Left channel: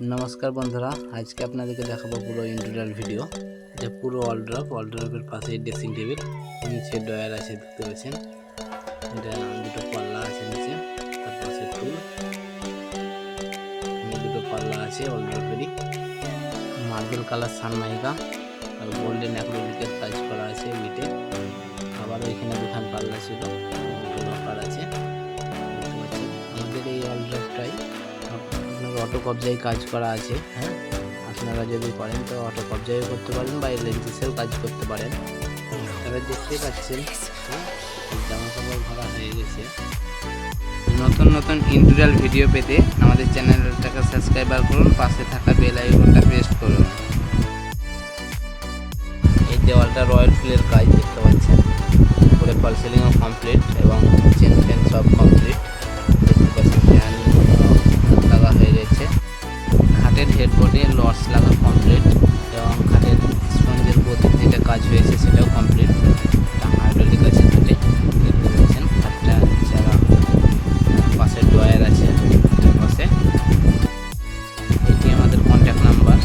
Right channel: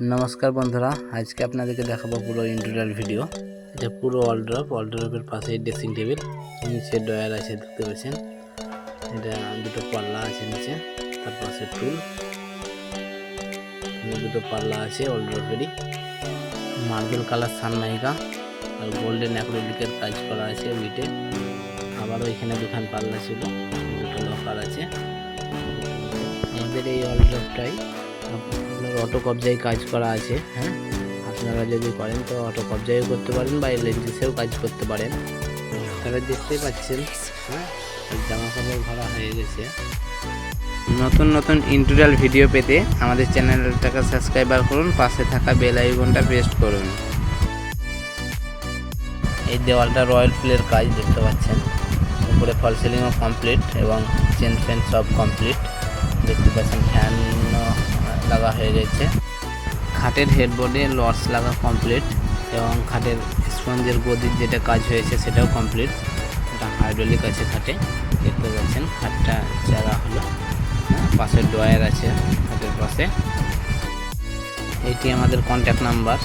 नमस्कार बंधुरा आज के अपन देखाबो पुरो इंटीरियर भिडियो এটা পুরো ওয়ালড্রপের পাশে ড্রেসিং টেবিল নিচে ডয়ার আছে দেখতে পাচ্ছেন এটা দুটো পাল্লা আছে নিচে তার পাশে টুল দুটো পাল্লা আছে ওয়ালড্রপেরই মার্বেল কালার সানমাইকা আর গোল্ডেন অ্যাক্রিলিকের কাজ করা আছে বিটে আবার ওইখানে দুখান পাল্লা ছিল দুটো লকার আছে আমাদের এই ওয়ালড্রপটাই আপনার অটো কবজায় কাজ করা আছে। হ্যাঁ, আপনারা যদি করেন তো অটো কবজায় করতে পারেন বা এলএনজিসেও কাজ করতে পারেন। তবে দেখতেই পাচ্ছেন জামা কাপড় ভরা হয়ে গেছে। নতুন নতুন ইন্টিরিয়ার ভিডিও পেতে আমাদের চ্যানেলটাকে সাবস্ক্রাইব করুন, পাশে থাকা বেল আইকনটা প্রেস করুন। এই দেওয়ালটা রয়্যাল ফিলের কাজ দেখতে পাচ্ছেন, উপরে ফল সিলিংও কমপ্লিট এবং চেন ফ্যান সব কমপ্লিট দেখতে পাচ্ছেন। ফ্যান লাগা হয়ে গেছে, খাটের হেডবোর্ডে লস লাগা কমপ্লিট এবং খাটের স্পঞ্জের গদির যেটা কাজ হয়েছে সেটাও কমপ্লিট। হাইড্রোলিক আছে খাটে দেখতে পাচ্ছেন, খাটটা জায়গা পাশে ড্রয়ার আছে খাটের পাশে। এইটি আমাদের কন্ট্যাক্ট নাম্বার।